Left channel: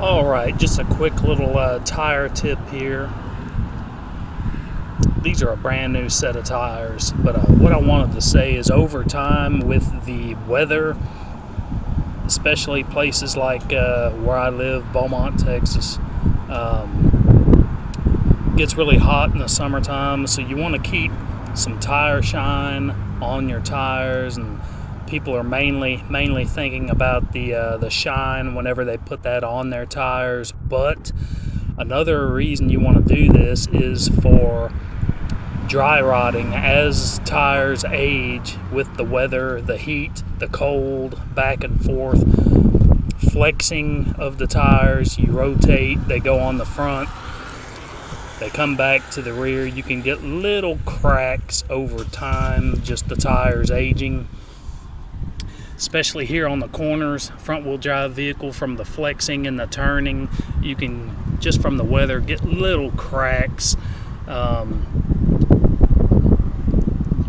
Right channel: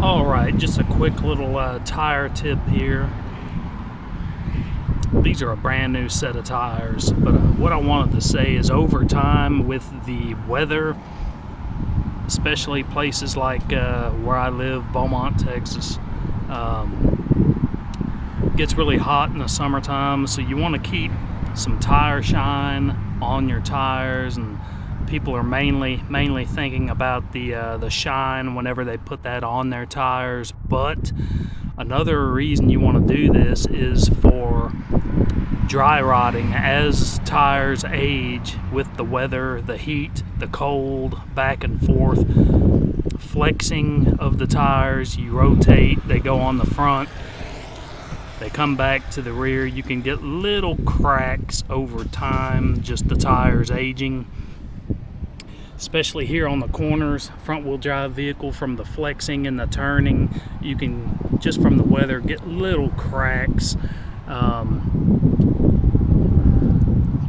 All right, just a quick little tire tip here. These are a brand new set of tires, but what I wanted to say is over time with the weather, especially places like where I live, Beaumont, Texas, gets really hot in the summertime, so you want to keep some tire shine on your tires, and people are mainly thinking about the shine whenever they put that on their tires. But another reason you want to do this is for dry rotting. As tires age with the weather, the heat, the cold, back and forth, flexing of the tires, you rotate, they go on the front, they come back to the rear, you can get little cracks over time, just the tires aging. Especially here on the corners, front wheel drive vehicle, from the flexing and the turning, you can, just from the weather, get little cracks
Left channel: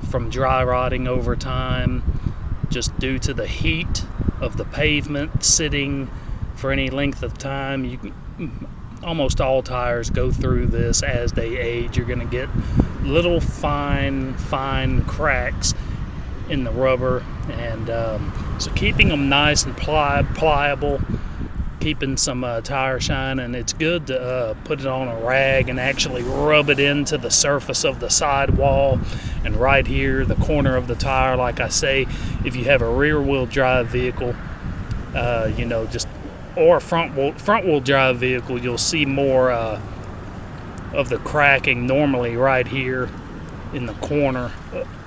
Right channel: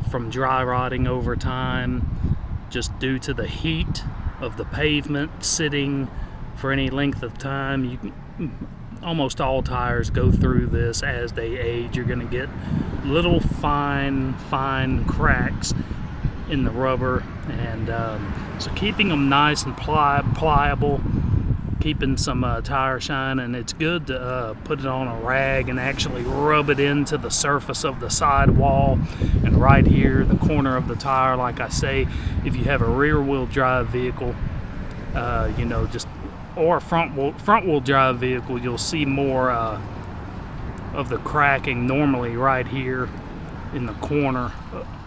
from dry rotting over time, just due to the heat of the pavement sitting for any length of time. Almost all tires go through this as they age. You're going to get little fine cracks in the rubber, and so keeping them nice and pliable, keeping some tire shine, and it's good to put it on a rag and actually rub it into the surface of the sidewall and right here, the corner of the tire. Like I say, if you have a rear wheel drive vehicle, or a front wheel drive vehicle, you'll see more of the cracking normally right here in the corner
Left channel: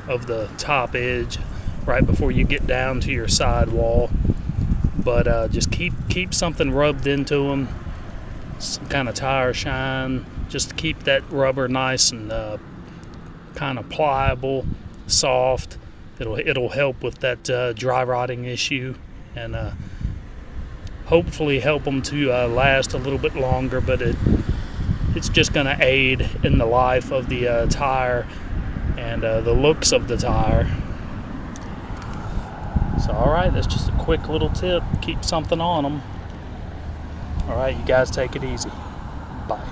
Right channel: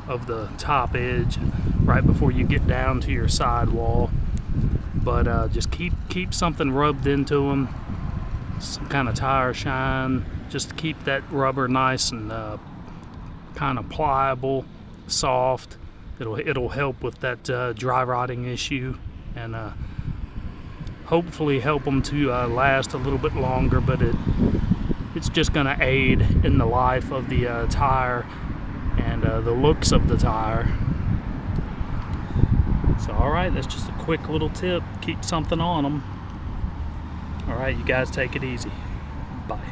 of the top edge, right before you get down to your sidewall. But just keep something rubbed into them, some kind of tire shine, just to keep that rubber nice and kind of pliable, soft. It'll help with that dry rotting issue, and hopefully help them to last a little bit longer. But it's just going to aid in the life of the tire and the looks of the tire. So, all right, that's just a quick little tip. Keep something on them. All right, you guys take it easy. Bye.